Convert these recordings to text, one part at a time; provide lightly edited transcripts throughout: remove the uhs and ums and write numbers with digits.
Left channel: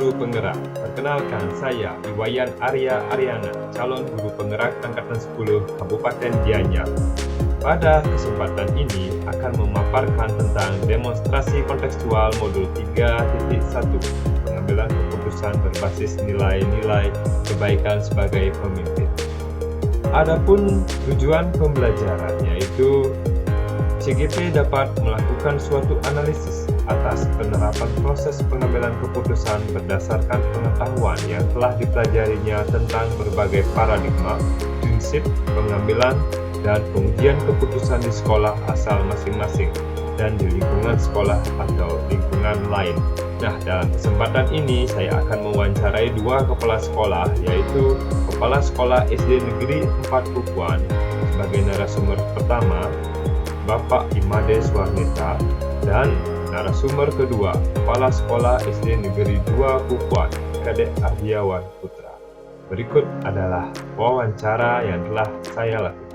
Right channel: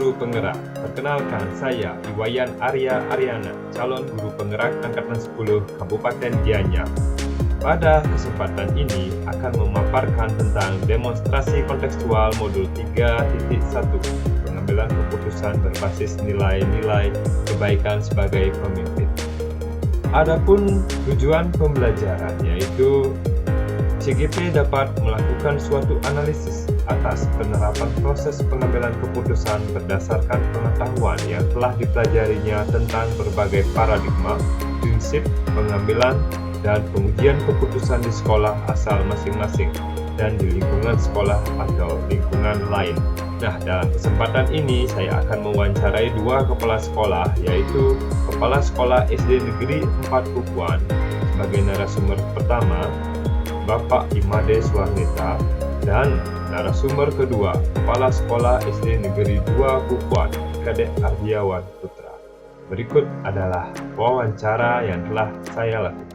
guru penggerak. Perkenalkan, saya Iwayan Arya Aryana, calon guru penggerak Angkatan 10 Kabupaten Gianyar. Pada kesempatan ini akan memaparkan tentang demonstrasi kontekstual modul 3.1, pengambilan keputusan berbasis nilai-nilai kebaikan sebagai pemimpin. Adapun tujuan pembelajaran yaitu CGP dapat melakukan suatu analisis atas penerapan proses pengambilan keputusan berdasarkan pengetahuan yang telah dipelajarinya tentang berbagai paradigma, prinsip pengambilan dan pengujian keputusan di sekolah asal masing-masing dan di lingkungan sekolah atau lingkungan lain. Nah, dalam kesempatan ini saya akan mewawancarai dua kepala sekolah, yaitu Kepala Sekolah SD Negeri 4 Kukuan sebagai narasumber pertama, Bapak Imade Swarnita, dan narasumber kedua, Kepala Sekolah SD Negeri 2 Kukuan, Kadek Ardiawan Putra. Berikut adalah wawancara yang telah saya lakukan.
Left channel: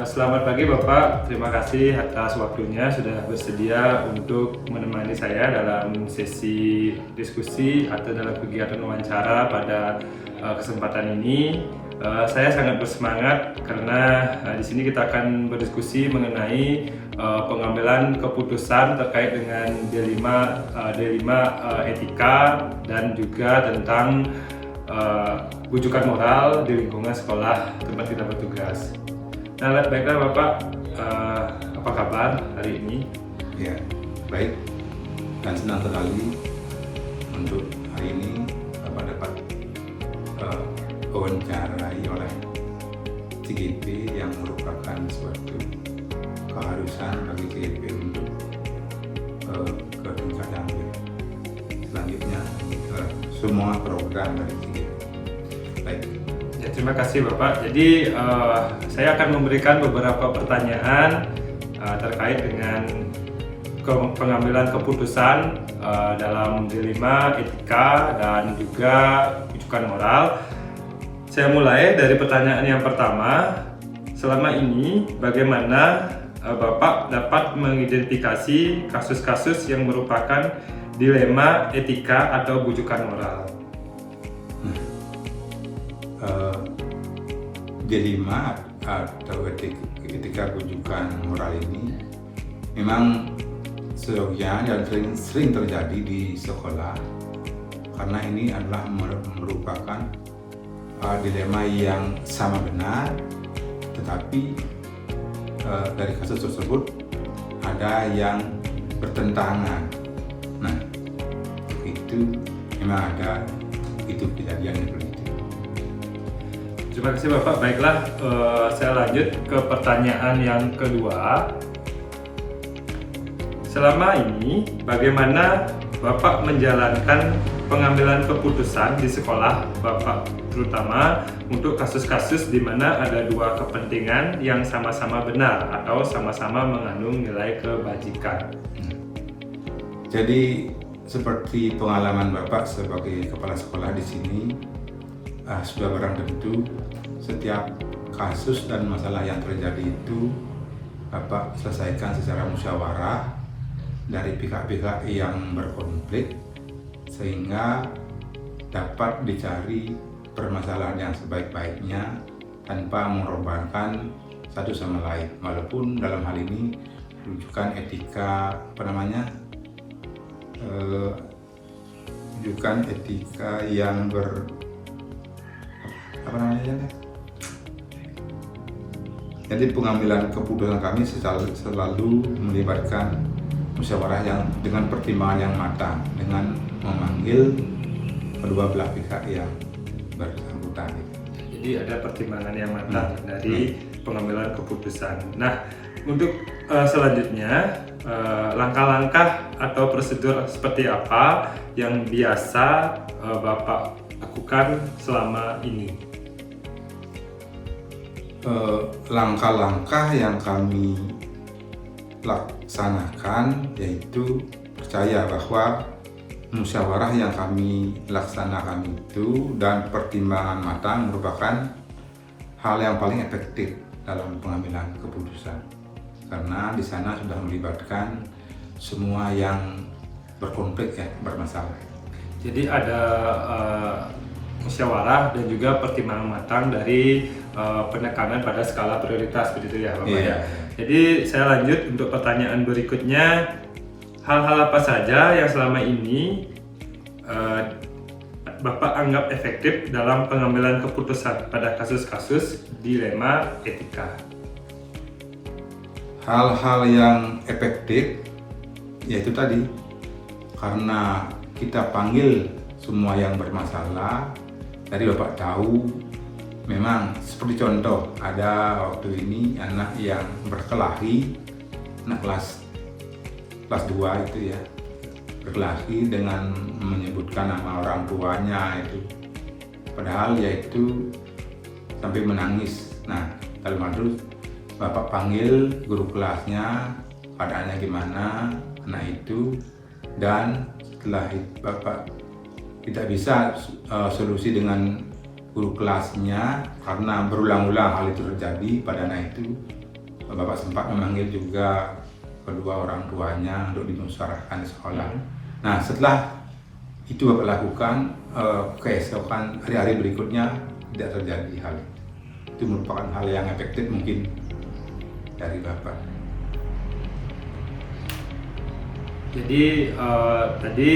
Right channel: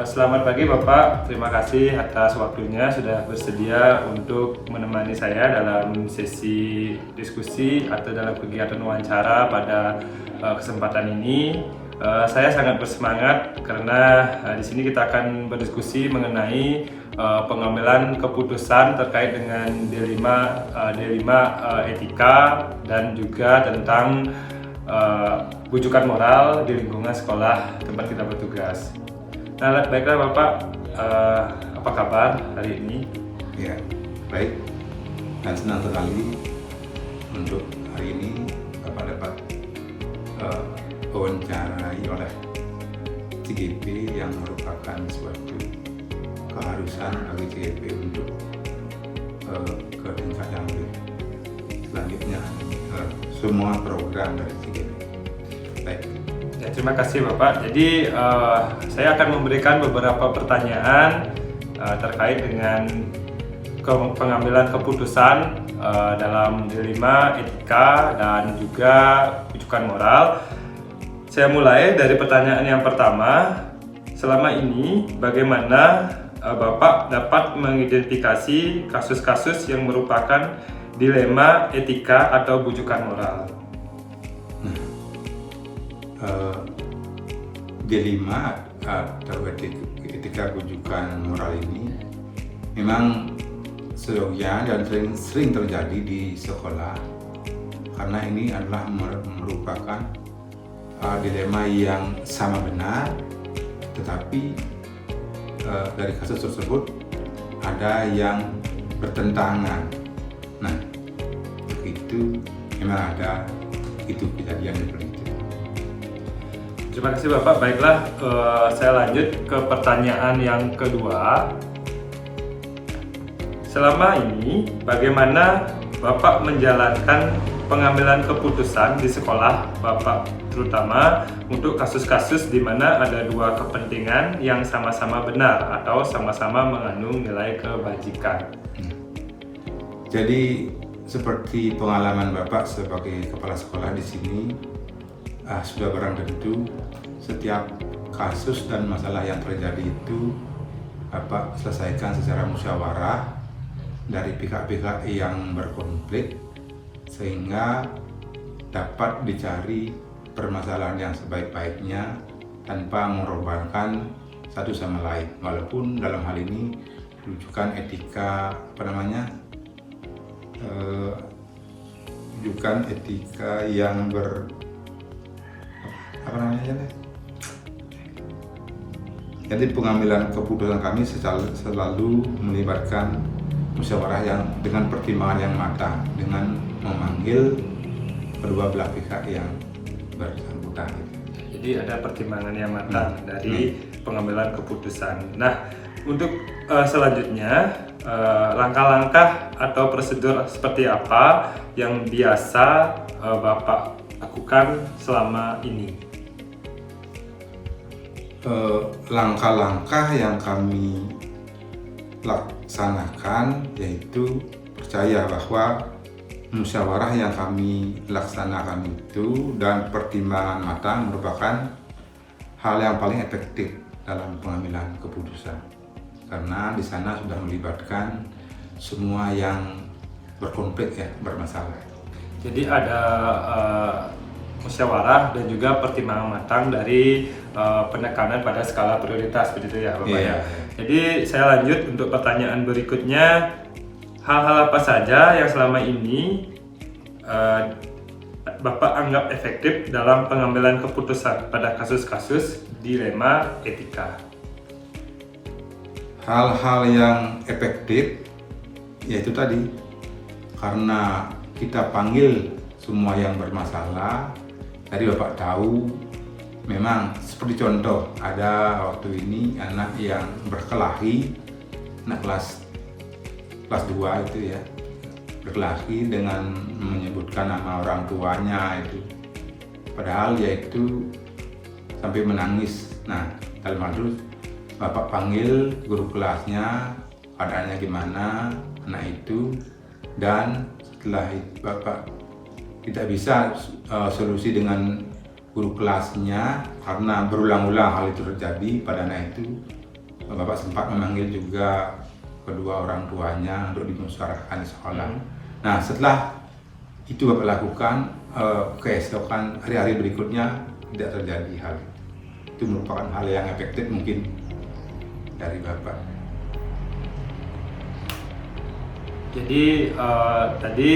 Selamat pagi Bapak, terima kasih atas waktunya sudah bersedia untuk menemani saya dalam sesi diskusi atau dalam kegiatan wawancara pada kesempatan ini. Saya sangat bersemangat karena di sini kita akan berdiskusi mengenai pengambilan keputusan terkait dengan D5 etika dan juga tentang bujukan moral di lingkungan sekolah tempat kita bertugas. Nah, baiklah Bapak, apa kabar hari ini? Ya, baik dan senang sekali untuk hari ini Bapak dapat wawancarai oleh CGP yang merupakan suatu keharusan bagi CGP untuk ke tingkat yang lebih selanjutnya semua program dari CGP. Baik. Ya, terima kasih Bapak. Jadi saya akan memberikan beberapa pertanyaan terkait dengan pengambilan keputusan dalam D5 etika dan juga bujukan moral. Saya mulai dari pertanyaan yang pertama. Selama ini bagaimana Bapak dapat mengidentifikasi kasus-kasus yang merupakan dilema etika atau bujukan moral? D5 atau etika bujukan moral ini memang seyogyanya dan sering terjadi di sekolah karena ini adalah merupakan dilema yang sama benar, tetapi dari kasus tersebut ada yang bertentangan. Nah, itu memang ada itu kejadian seperti itu. Terima kasih Bapak. Baiklah, saya lanjut ke pertanyaan yang kedua. Selama ini, bagaimana Bapak menjalankan pengambilan keputusan di sekolah Bapak, terutama untuk kasus-kasus di mana ada dua kepentingan yang sama-sama benar atau sama-sama mengandung nilai kebajikan? Jadi, seperti pengalaman Bapak sebagai kepala sekolah di sini, sudah barang tentu setiap kasus dan masalah yang terjadi itu Bapak selesaikan secara musyawarah dari pihak-pihak yang berkonflik sehingga dapat dicari permasalahan yang sebaik-baiknya tanpa mengorbankan satu sama lain, walaupun dalam hal ini rujukan etika rujukan etika yang jadi pengambilan keputusan kami selalu melibatkan musyawarah yang dengan pertimbangan yang matang, dengan memanggil kedua belah pihak yang bersangkutan. Jadi ada pertimbangan yang matang dari pengambilan keputusan. Nah, untuk selanjutnya langkah-langkah atau prosedur seperti apa yang biasa Bapak lakukan selama ini? Langkah-langkah yang kami laksanakan yaitu percaya bahwa musyawarah yang kami laksanakan itu dan pertimbangan matang merupakan hal yang paling efektif dalam pengambilan keputusan, karena di sana sudah melibatkan semua yang berkonflik ya, bermasalah. Jadi ada musyawarah dan juga pertimbangan matang dari penekanan pada skala prioritas begitu ya Bapak ya. Jadi saya lanjut untuk pertanyaan berikutnya, hal-hal apa saja yang selama ini Bapak anggap efektif dalam pengambilan keputusan pada kasus-kasus dilema etika? Hal-hal yang efektif yaitu tadi, karena kita panggil semua yang bermasalah. Tadi Bapak tahu, memang seperti contoh, ada waktu ini anak yang berkelahi, anak kelas 2 itu ya, berkelahi dengan menyebutkan nama orang tuanya itu, padahal yaitu sampai menangis. Nah, dalam hal itu Bapak panggil guru kelasnya, keadaannya gimana anak itu, dan setelah itu Bapak tidak bisa solusi dengan guru kelasnya karena berulang-ulang hal itu terjadi pada anak itu. Bapak sempat memanggil juga kedua orang tuanya untuk dimusyawarahkan di sekolah. Nah, setelah itu Bapak lakukan, keesokan hari-hari berikutnya tidak terjadi hal itu. Itu merupakan hal yang efektif mungkin dari Bapak. Jadi tadi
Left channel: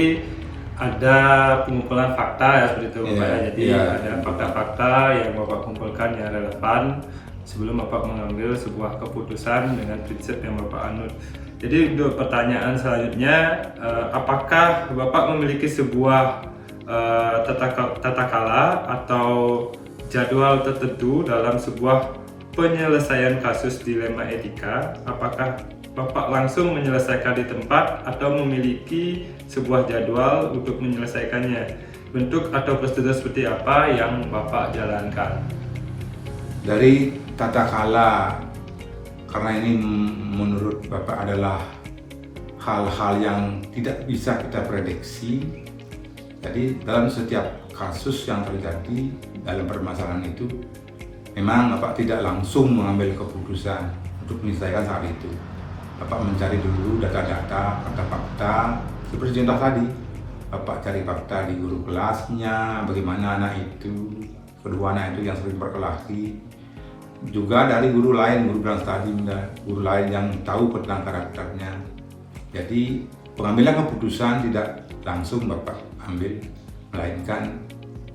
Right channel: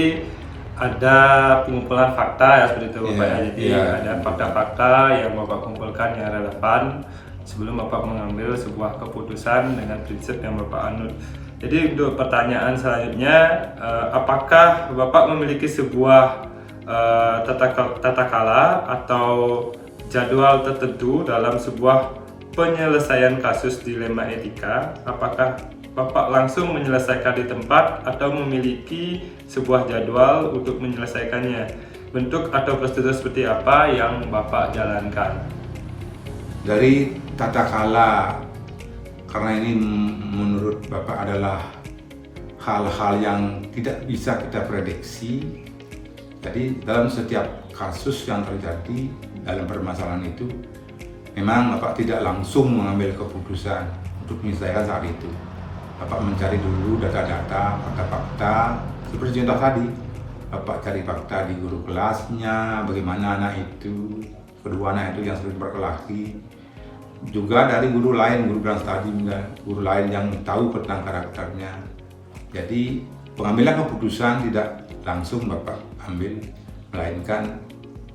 ada pengumpulan fakta ya seperti itu Bapak ya. Jadi ada fakta-fakta yang Bapak kumpulkan yang relevan sebelum Bapak mengambil sebuah keputusan dengan prinsip yang Bapak anut. Jadi untuk pertanyaan selanjutnya, apakah Bapak memiliki sebuah tata kala atau jadwal tertentu dalam sebuah penyelesaian kasus dilema etika? Apakah Bapak langsung menyelesaikan di tempat atau memiliki sebuah jadwal untuk menyelesaikannya? Bentuk atau prosedur seperti apa yang Bapak jalankan? Dari tata kala, karena ini menurut Bapak adalah hal-hal yang tidak bisa kita prediksi. Jadi dalam setiap kasus yang terjadi dalam permasalahan itu, memang Bapak tidak langsung mengambil keputusan untuk menyelesaikan saat itu. Bapak mencari dulu data-data, fakta-fakta, seperti contoh tadi. Bapak cari fakta di guru kelasnya, bagaimana anak itu, kedua anak itu yang sering berkelahi. Juga dari guru lain, guru bilang tadi, guru lain yang tahu tentang karakternya. Jadi pengambilan keputusan tidak langsung Bapak ambil, melainkan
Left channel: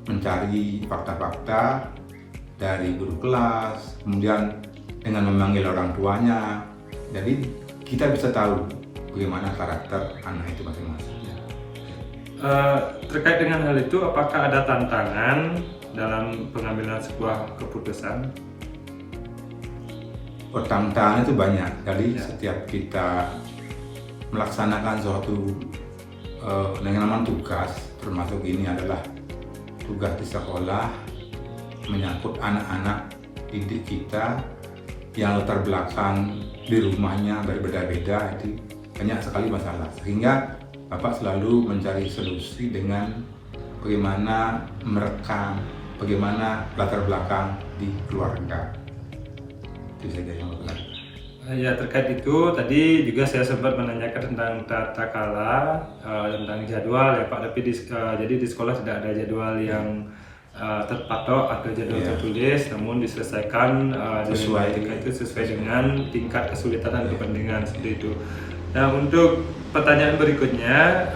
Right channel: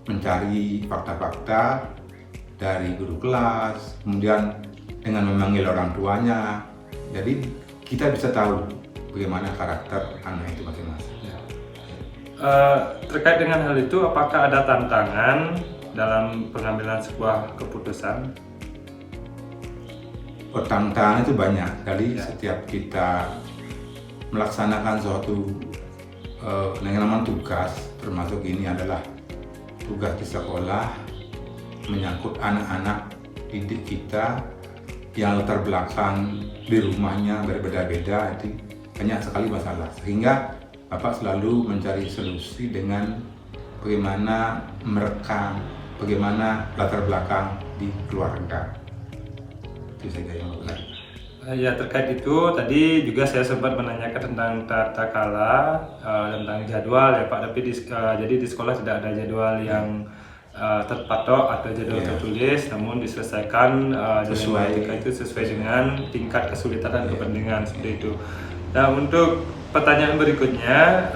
mencari fakta-fakta dari guru kelas, kemudian dengan memanggil orang tuanya. Jadi kita bisa tahu bagaimana karakter anak itu masing-masing. Terkait dengan hal itu, apakah ada tantangan dalam pengambilan sebuah keputusan? Tantangan itu banyak. Jadi setiap kita melaksanakan suatu yang namanya tugas, termasuk ini adalah tugas di sekolah, menyangkut anak-anak didik kita yang latar belakang di rumahnya berbeda-beda, itu banyak sekali masalah, sehingga Bapak selalu mencari solusi dengan bagaimana merekam, bagaimana latar belakang di keluarga. Itu saja yang Bapak lakukan. Ya, terkait itu tadi juga saya sempat menanyakan tentang tata kala, tentang jadwal ya Pak, tapi jadi di sekolah tidak ada jadwal yang terpatok atau jadwal tertulis, namun diselesaikan sesuai dengan tingkat kesulitan dan kepentingan seperti itu. Nah, untuk pertanyaan berikutnya,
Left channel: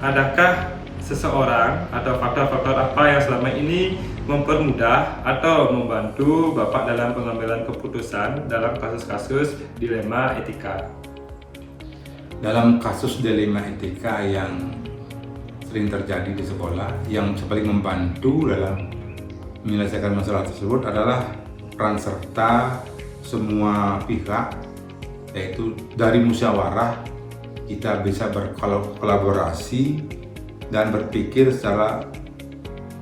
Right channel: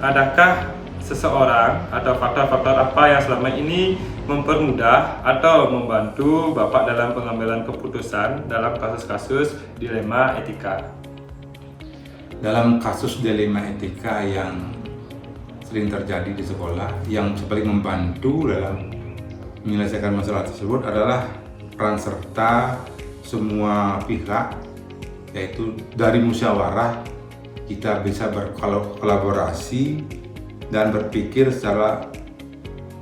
adakah seseorang atau faktor-faktor apa yang selama ini mempermudah atau membantu Bapak dalam pengambilan keputusan dalam kasus-kasus dilema etika? Dalam kasus dilema etika yang sering terjadi di sekolah, yang paling membantu dalam menyelesaikan masalah tersebut adalah peran serta semua pihak, yaitu dari musyawarah kita bisa berkolaborasi dan berpikir secara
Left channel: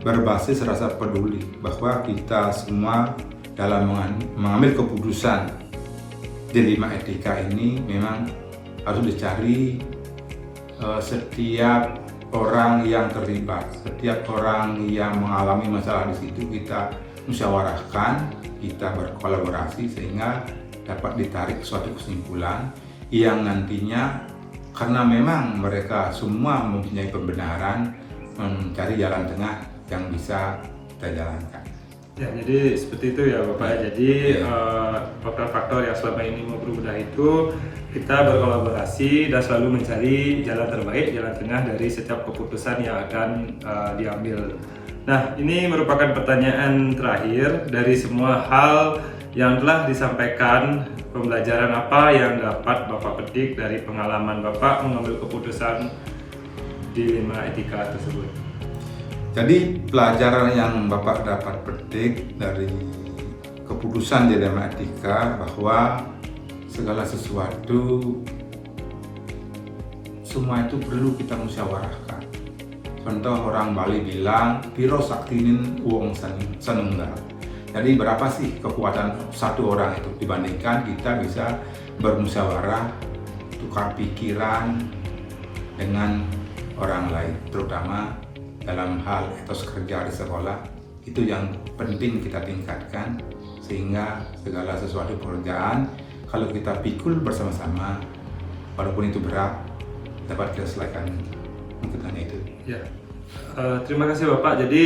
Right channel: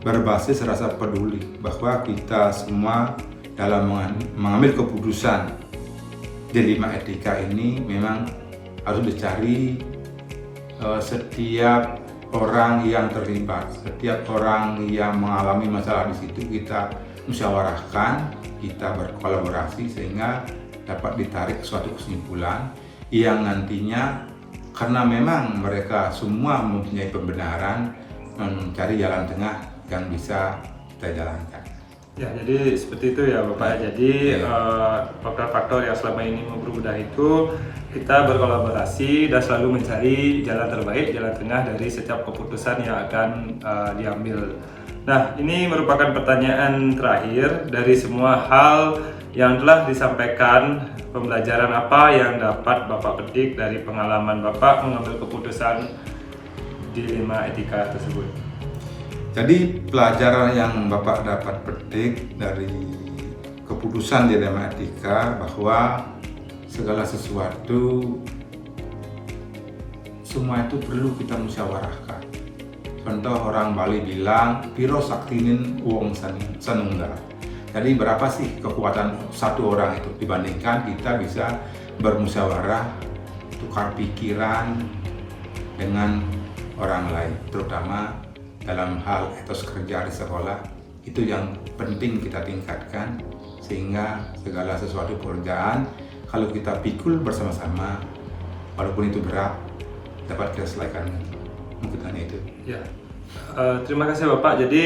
berbasis rasa peduli, bahwa kita semua dalam mengambil keputusan dilema etika ini memang harus dicari setiap orang yang terlibat, setiap orang yang mengalami masalah di situ kita musyawarahkan, kita berkolaborasi sehingga dapat ditarik suatu kesimpulan yang nantinya karena memang mereka semua mempunyai pembenaran, mencari jalan tengah yang bisa kita jalankan. Ya, jadi seperti itu ya Bapak. Jadi faktor-faktor yang selama ini mempermudah itu kita berkolaborasi dan selalu mencari jalan terbaik, jalan tengah dari setiap keputusan yang akan diambil. Nah, ini merupakan pertanyaan terakhir dari semua hal yang telah disampaikan. Pembelajaran apa yang dapat Bapak petik dari pengalaman Bapak mengambil keputusan dilema etika tersebut? Jadi pelajaran yang Bapak dapat petik dari keputusan dilema etika bahwa segala sesuatu semua itu perlu kita musyawarahkan. Contoh orang Bali bilang piro saktinin wong sanunggal. Jadi berapa sih kekuatan satu orang itu dibandingkan kita bisa bermusyawarah, tukar pikiran dengan orang lain, terutama dalam hal etos kerja di sekolah. Itu yang penting kita tingkatkan sehingga segala sesuatu pekerjaan kalau kita pikul bersama-sama walaupun itu berat dapat kita selesaikan. Mungkin itu. Ya, terima kasih Bapak. Jadi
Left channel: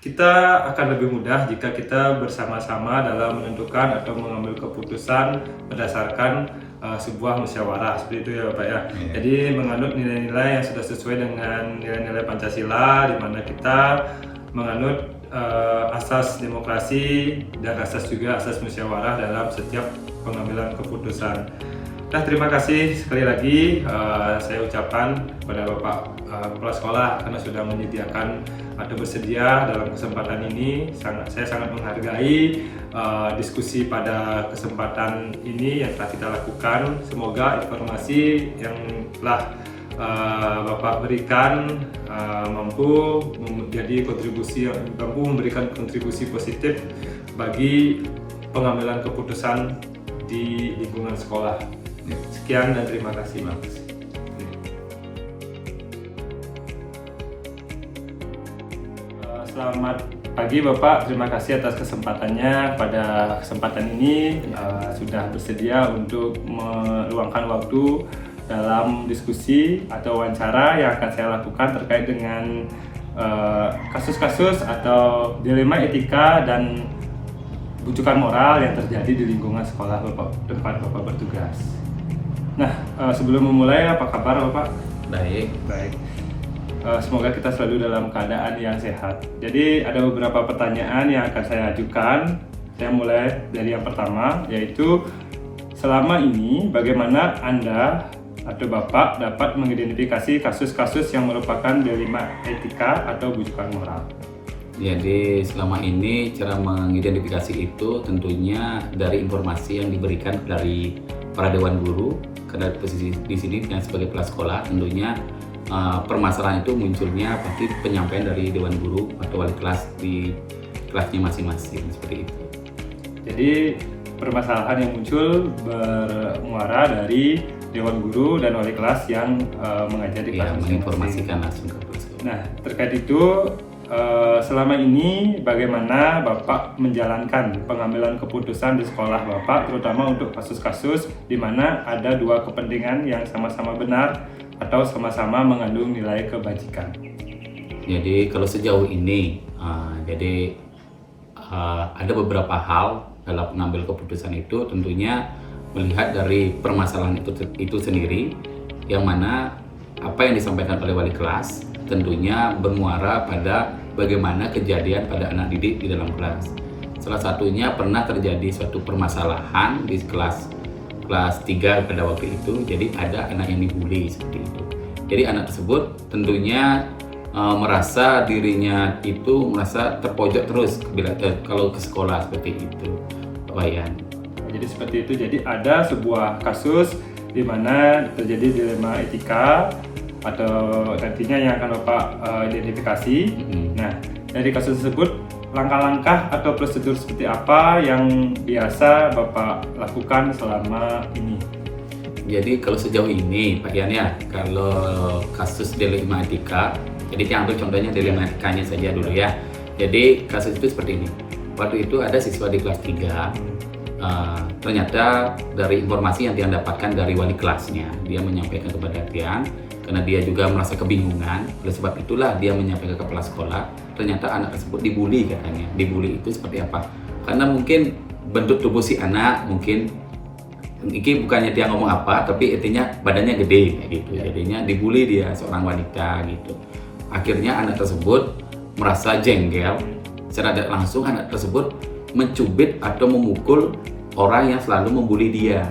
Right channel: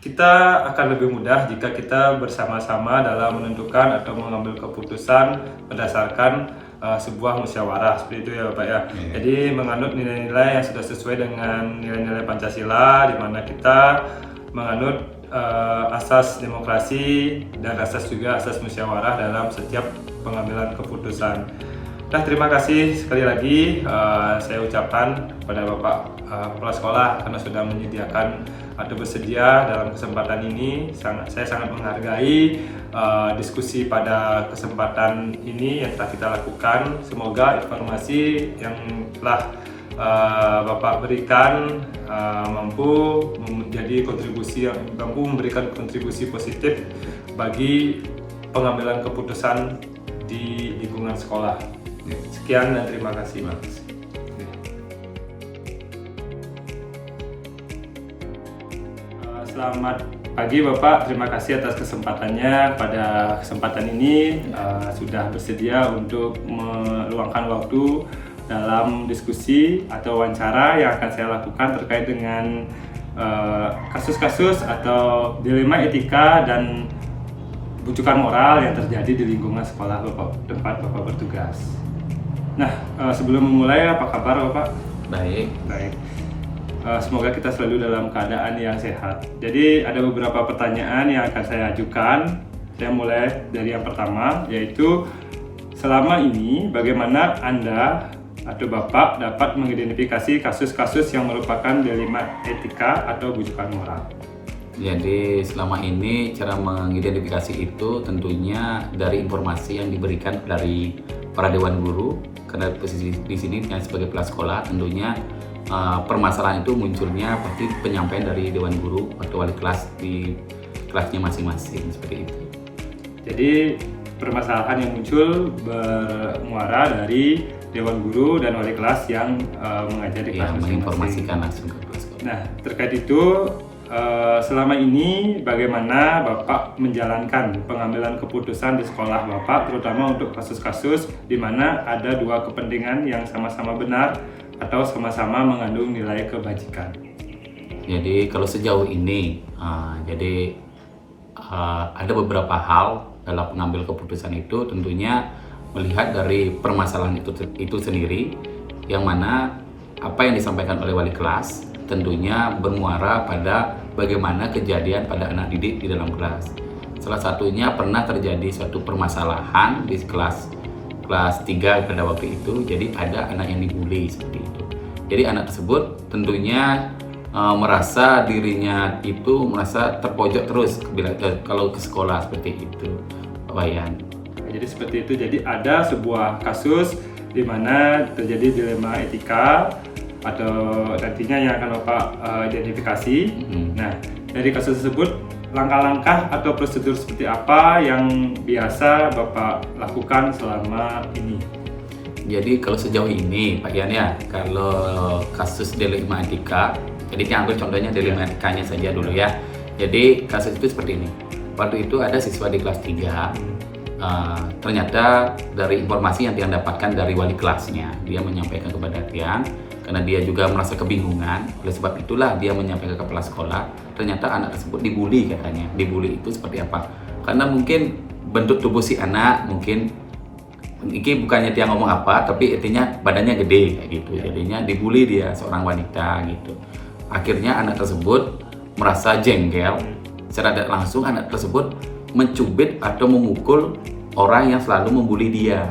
kita akan lebih mudah jika kita bersama-sama dalam menentukan atau mengambil keputusan berdasarkan sebuah musyawarah, seperti itu ya Bapak ya. Jadi menganut nilai-nilai yang sudah sesuai dengan nilai-nilai Pancasila, di mana kita menganut asas demokrasi dan juga asas musyawarah dalam setiap pengambilan keputusan. Nah, terima kasih sekali lagi saya ucapkan kepada Bapak Kepala Sekolah karena sudah menyediakan atau bersedia dalam kesempatan ini. Saya sangat menghargai diskusi pada kesempatan ini yang telah kita lakukan. Semoga informasi yang telah Bapak berikan mampu memberikan kontribusi positif bagi pengambilan keputusan di lingkungan sekolah. Sekian dan terima kasih. Selamat pagi Bapak, terima kasih atas kesempatannya. Pada kesempatan ini sudah bersedia untuk meluangkan waktu dalam diskusi atau wawancara yang akan saya lakukan terkait dengan kasus-kasus atau dilema etika dan bujukan moral yang terjadi di lingkungan sekolah tempat Bapak bertugas. Nah, sebelum memulai, apa kabar Bapak? Baik. Semoga kita selalu dalam keadaan yang sehat. Jadi ada beberapa pertanyaan yang akan saya ajukan. Saya mulai dari yang pertama, yaitu selama ini bagaimana Anda atau Bapak dapat mengidentifikasi kasus-kasus yang merupakan dilema etika atau bujukan moral? Jadi selama ini cara mengidentifikasi itu tentunya dari informasi yang diberikan dari para dewan guru. Karena posisi di sini sebagai kepala sekolah, tentunya permasalahan itu munculnya pasti penyampaian dari dewan guru atau wali kelas di kelasnya masing-masing, seperti itu. Jadi permasalahan yang muncul bermuara dari dewan guru dan wali kelas yang mengajar di kelas masing-masing. Menginformasikan langsung ke kepala sekolah. Nah, terkait itu selama ini bagaimana Bapak menjalankan pengambilan keputusan di sekolah Bapak, terutama untuk kasus-kasus di mana ada dua kepentingan yang sama-sama benar atau sama-sama mengandung nilai kebajikan? Jadi kalau sejauh ini, ada beberapa hal dalam mengambil keputusan itu, tentunya melihat dari permasalahan itu sendiri, yang mana apa yang disampaikan oleh wali kelas tentunya bermuara pada bagaimana kejadian pada anak didik di dalam kelas. Salah satunya pernah terjadi suatu permasalahan di kelas 3 pada waktu itu. Jadi ada anak yang dibully seperti itu. Jadi anak tersebut tentunya merasa dirinya itu merasa terpojok terus kalau ke sekolah seperti itu, Pak Wayan. Jadi seperti itu. Jadi ada sebuah kasus di mana terjadi dilema etika atau nantinya yang akan Bapak identifikasi. Nah, dari kasus tersebut, langkah-langkah atau prosedur seperti apa yang biasa Bapak lakukan selama ini? Jadi kalau sejauh ini Pak Yan ya, kalau kasus dilema etika, jadi kita ambil contohnya dilema etikanya saja dulu ya. Jadi kasus itu seperti ini. Waktu itu ada siswa di kelas 3, ternyata dari informasi yang dia dapatkan dari wali kelasnya, dia menyampaikan kepada Tian karena dia juga merasa kebingungan. Oleh sebab itulah dia menyampaikan ke kepala sekolah. Ternyata anak tersebut dibully katanya. Dibully itu seperti apa? Karena mungkin bentuk tubuh si anak mungkin ini bukannya dia ngomong apa, tapi intinya badannya gede gitu. Jadinya dibully dia, seorang wanita gitu. Akhirnya anak tersebut merasa jengkel. Secara tidak langsung anak tersebut mencubit atau memukul orang yang selalu membuli dia,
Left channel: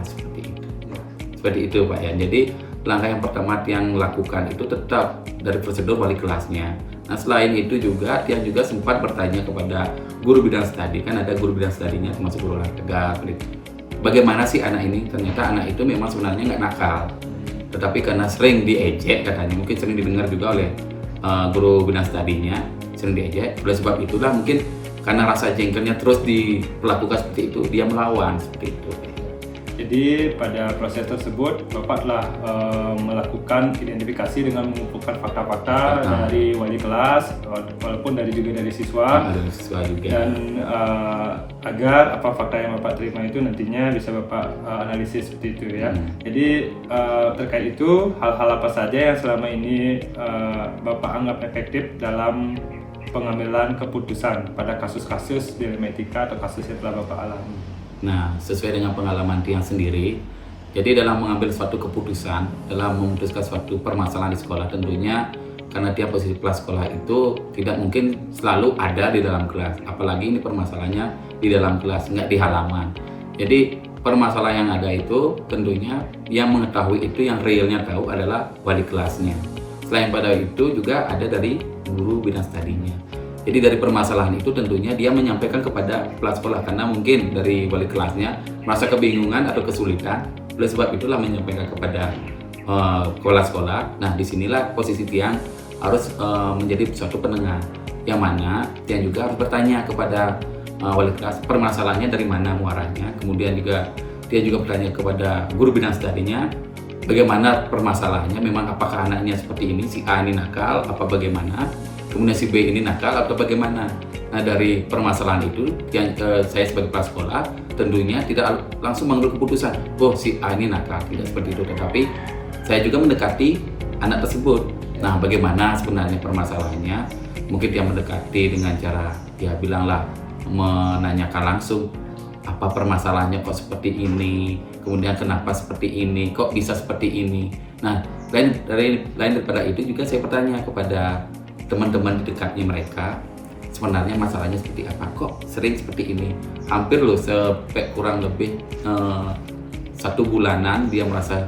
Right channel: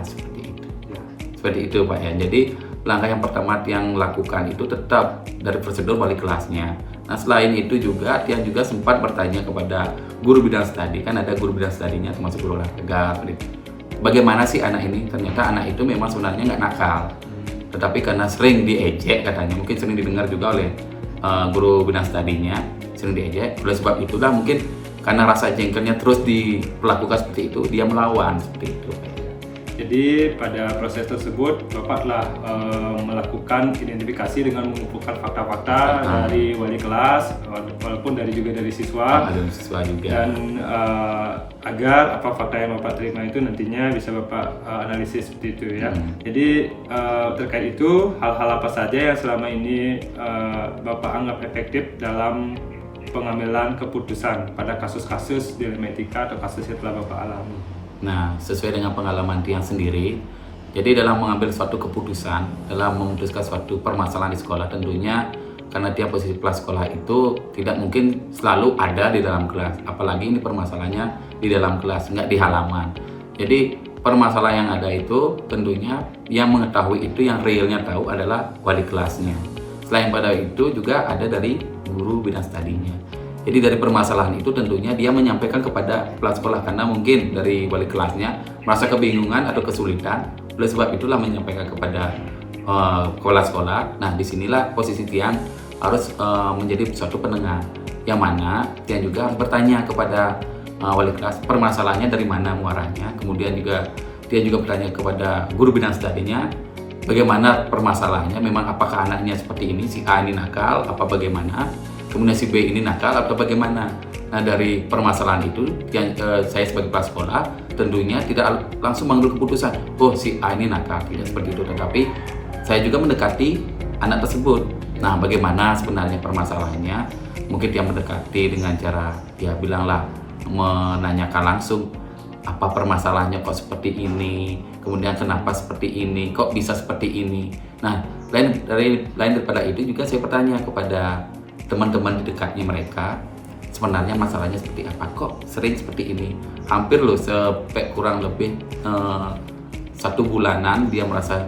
seperti itu Pak ya. Jadi langkah yang pertama yang lakukan itu tetap dari prosedur wali kelasnya. Nah selain itu juga dia juga sempat bertanya kepada guru bidang studi, kan ada guru bidang studinya termasuk guru olahraga. Bagaimana sih anak ini? Ternyata anak itu memang sebenarnya nggak nakal, tetapi karena sering diejek katanya, mungkin sering didengar juga oleh guru bidang studinya, sering diejek. Oleh sebab itulah mungkin karena rasa jengkelnya terus diperlakukan seperti itu, dia melawan seperti itu. Jadi pada proses tersebut Bapak telah melakukan identifikasi dengan mengumpulkan fakta-fakta dari wali kelas, walaupun juga dari siswa, dan agar apa fakta yang Bapak terima itu nantinya bisa Bapak analisis seperti itu ya. Jadi terkait itu hal-hal apa saja yang selama ini Bapak anggap efektif dalam pengambilan keputusan pada kasus-kasus dilema etika atau kasus yang telah Bapak alami? Nah, sesuai dengan pengalaman Tian sendiri, jadi dalam mengambil suatu keputusan, dalam memutuskan suatu permasalahan di sekolah, tentunya karena dia posisi kepala sekolah itu tidak mungkin selalu ada di dalam kelas, apalagi ini permasalahannya di dalam kelas, nggak di halaman. Jadi permasalahan yang ada itu tentunya yang mengetahui itu, yang realnya tahu adalah wali kelasnya. Selain pada itu juga ada dari guru bidang studinya. Jadi dari permasalahan itu tentunya dia menyampaikan kepada kepala sekolah, karena mungkin dari wali kelasnya merasa kebingungan atau kesulitan. Oleh sebab itulah menyampaikan kepada kepala sekolah. Nah disinilah posisi Tian harus menjadi suatu penengah, yang mana Tian juga harus bertanya kepada wali kelas permasalahannya dari mana muaranya. Kemudian juga Tian juga bertanya kepada guru bidang studinya bagaimana permasalahannya, memang apakah anaknya seperti ini, si A ini nakal apa bagaimana, kemudian si B ini nakal atau bagaimana. Nah dari permasalahan itu yang saya sebagai kepala sekolah tentunya tidak langsung mengambil keputusan, oh si A ini nakal, tidak seperti itu, tetapi saya juga mendekati anak tersebut. Nah bagaimana sebenarnya permasalahannya, mungkin dia mendekati dengan cara ya bilanglah, menanyakan langsung apa permasalahannya kok seperti ini, kemudian kenapa seperti ini, kok bisa seperti ini. Nah lain daripada itu juga saya bertanya kepada teman-teman di dekatnya mereka, sebenarnya masalahnya seperti apa, kok sering seperti ini. Hampir loh sampai kurang lebih 1 bulanan dia merasa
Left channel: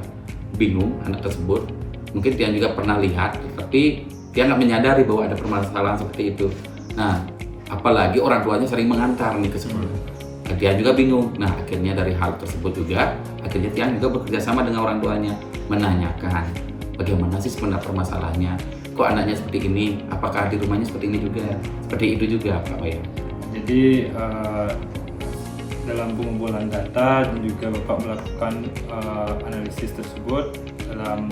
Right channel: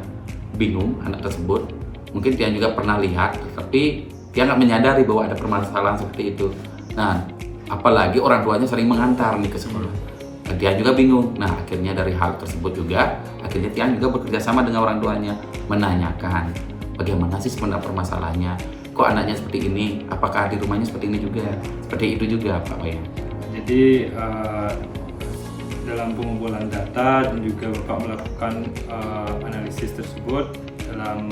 bingung anak tersebut. Mungkin dia juga pernah lihat, tapi dia nggak menyadari bahwa ada permasalahan seperti itu. Nah apalagi orang tuanya sering mengantar nih ke sekolah, dia juga bingung. Nah akhirnya dari hal tersebut juga akhirnya Tian juga bekerja sama dengan orang tuanya, menanyakan bagaimana sih sebenarnya permasalahannya, kok anaknya seperti ini, apakah di rumahnya seperti ini juga, seperti itu juga Pak Wayan. Jadi dalam pengumpulan data dan juga Bapak melakukan analisis tersebut dalam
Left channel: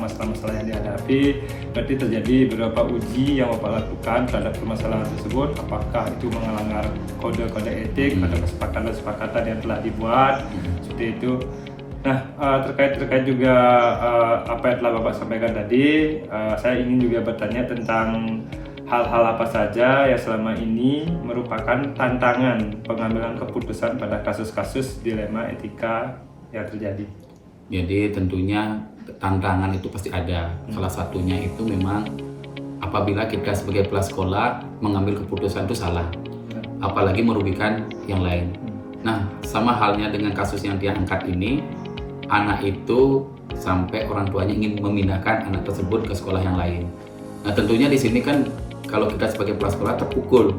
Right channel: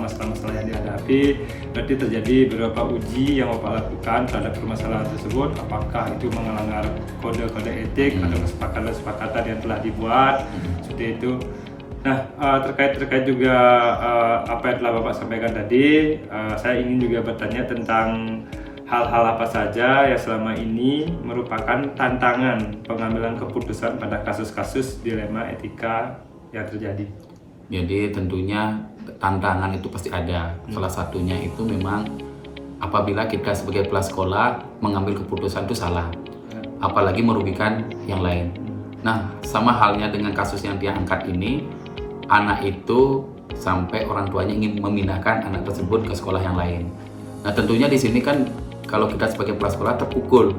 masalah-masalah yang dihadapi, berarti terjadi beberapa uji yang Bapak lakukan terhadap permasalahan tersebut, apakah itu melanggar kode-kode etik atau kesepakatan-kesepakatan yang telah dibuat, seperti itu. Nah terkait juga apa yang telah Bapak sampaikan tadi, saya ingin juga bertanya tentang hal-hal apa saja yang selama ini merupakan tantangan pengambilan keputusan pada kasus-kasus dilema etika yang terjadi. Jadi tentunya tantangan itu pasti ada. Salah satunya itu memang apabila kita sebagai kepala sekolah mengambil keputusan itu salah, apalagi merugikan yang lain. Nah sama halnya dengan kasus yang dia angkat ini, anak itu sampai orang tuanya ingin memindahkan anak tersebut ke sekolah yang lain. Nah tentunya di sini kan kalau kita sebagai kepala sekolah terpukul,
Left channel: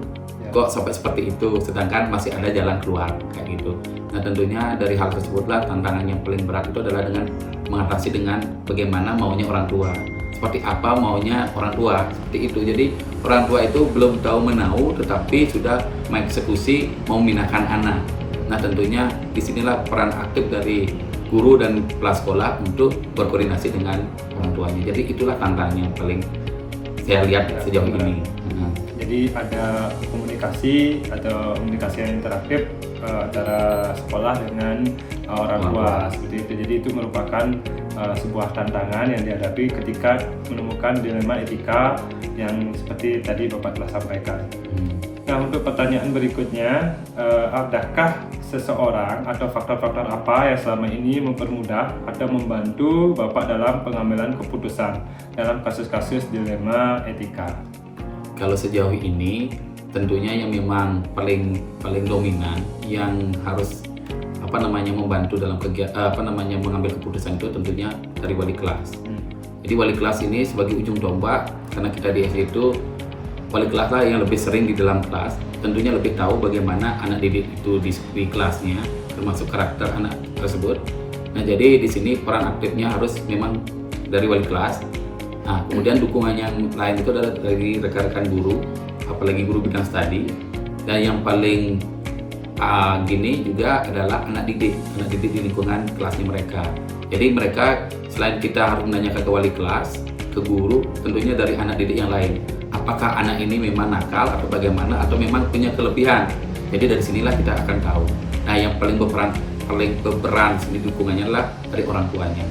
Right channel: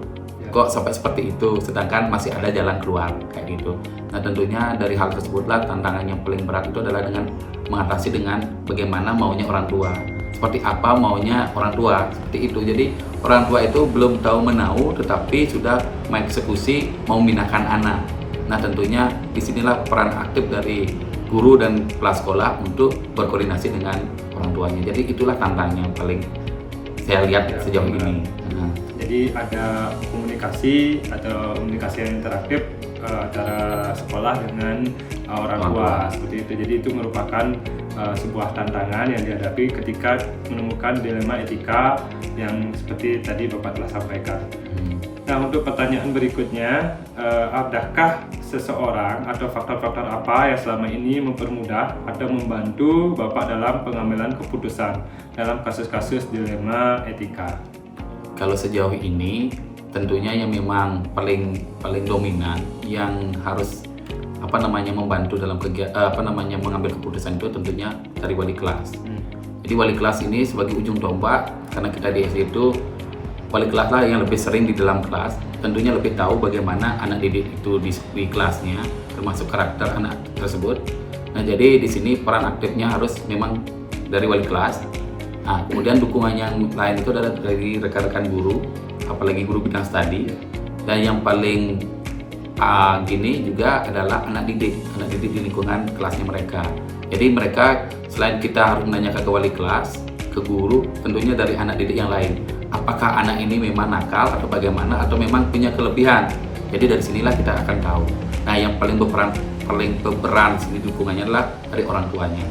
kok sampai seperti itu, sedangkan masih ada jalan keluar kayak gitu. Nah tentunya dari hal tersebutlah tantangan yang paling berat itu adalah dengan mengatasi dengan bagaimana maunya orang tua, seperti apa maunya orang tua, seperti itu. Jadi orang tua itu belum tahu menau, tetapi sudah mengeksekusi mau memindahkan anak. Nah tentunya disinilah peran aktif dari guru dan kepala sekolah untuk berkoordinasi dengan orang tuanya. Jadi itulah tantangan yang paling saya lihat Ya, sejauh benar. ini. Jadi ada komunikasi atau komunikasi yang interaktif antara sekolah dengan orang tua seperti itu. Jadi itu merupakan sebuah tantangan yang dihadapi ketika menemukan dilema etika yang seperti tadi Bapak telah sampaikan. Nah, untuk pertanyaan berikutnya, adakah seseorang atau faktor-faktor apa yang selama ini mempermudah atau membantu Bapak dalam pengambilan keputusan dalam kasus-kasus dilema etika? Kalau sejauh ini tentunya yang memang paling dominan yang harus membantu dalam mengambil keputusan itu tentunya dari wali kelas. Jadi wali kelas ini sebagai ujung tombak, karena kita di SD itu wali kelas lah yang lebih sering di dalam kelas, tentunya lebih tahu bagaimana anak didik itu di kelasnya, termasuk karakter anak tersebut. Nah, jadi di sini peran aktifnya harus memang dari wali kelas. Nah, kemudian dukungan yang lain itu adalah dari rekan-rekan guru, apalagi guru bidang studi. Dan yang paling gini juga adalah anak didik di lingkungan kelasnya mereka. Jadi mereka selain kita harus menanyakan ke wali kelas, ke guru, tentunya dari anak didik yang lain. Apakah anak ini memang nakal atau bagaimana, atau memang punya kelebihan. Jadi dari sinilah kita akan tahu. Nah, yang paling berperan sini dukungannya adalah dari orang tuanya.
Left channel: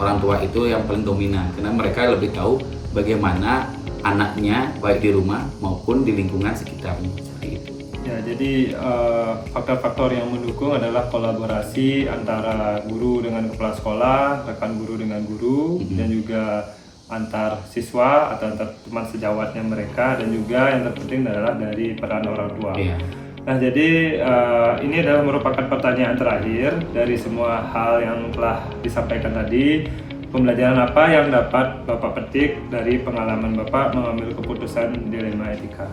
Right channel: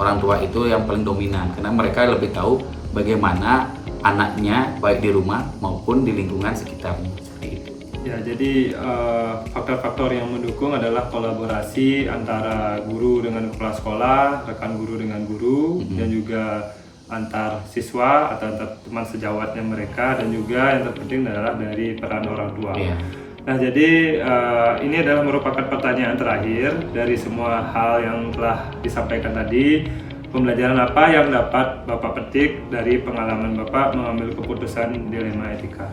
Orang tua itu yang paling dominan, karena mereka lebih tahu bagaimana anaknya baik di rumah maupun di lingkungan sekitarnya. Seperti itu. Ya, jadi faktor-faktor yang mendukung adalah kolaborasi antara guru dengan kepala sekolah, rekan guru dengan guru, dan juga antar siswa atau antar teman sejawatnya mereka, dan juga yang terpenting adalah dari peran orang tua. Iya. Nah, jadi ini adalah merupakan pertanyaan terakhir dari semua hal yang telah disampaikan tadi. Pembelajaran apa yang dapat Bapak petik dari pengalaman Bapak mengambil keputusan dilema etika?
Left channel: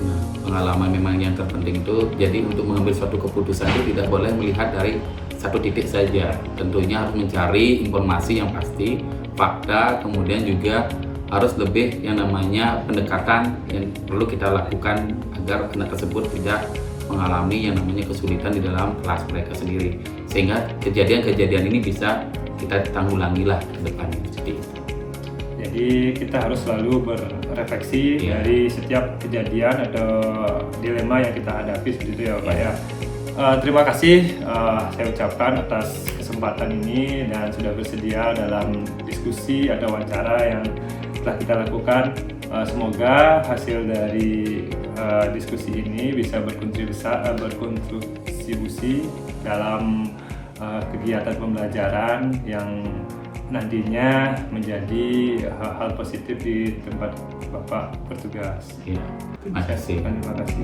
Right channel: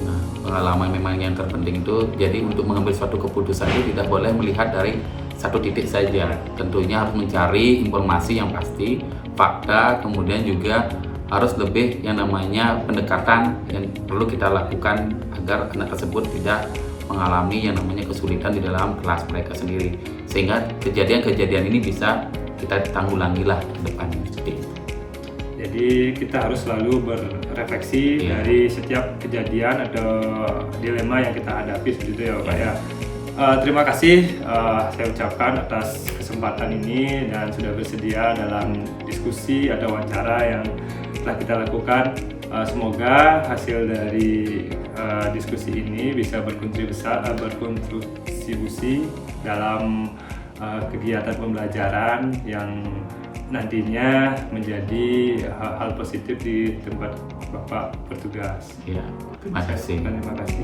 Nah, pengalaman memang yang terpenting itu, jadi untuk mengambil suatu keputusan itu tidak boleh melihat dari satu titik saja. Tentunya harus mencari informasi yang pasti, fakta, kemudian juga harus lebih yang namanya pendekatan yang perlu kita lakukan agar anak tersebut tidak mengalami yang namanya kesulitan di dalam kelas mereka sendiri, sehingga kejadian-kejadian ini bisa kita tanggulangi lah ke depannya. Seperti itu. Jadi kita harus selalu berefleksi dari setiap kejadian atau dilema yang kita hadapi seperti itu ya Pak ya. Terima kasih saya ucapkan atas kesempatan ini dan sudah bersedia dalam diskusi atau wawancara yang telah kita lakukan. Semoga hasil dari diskusi ini bisa berkontribusi dalam kegiatan pembelajaran yang nantinya menjadi hal-hal positif di tempat Bapak bertugas. Ya, terima kasih. Terima kasih.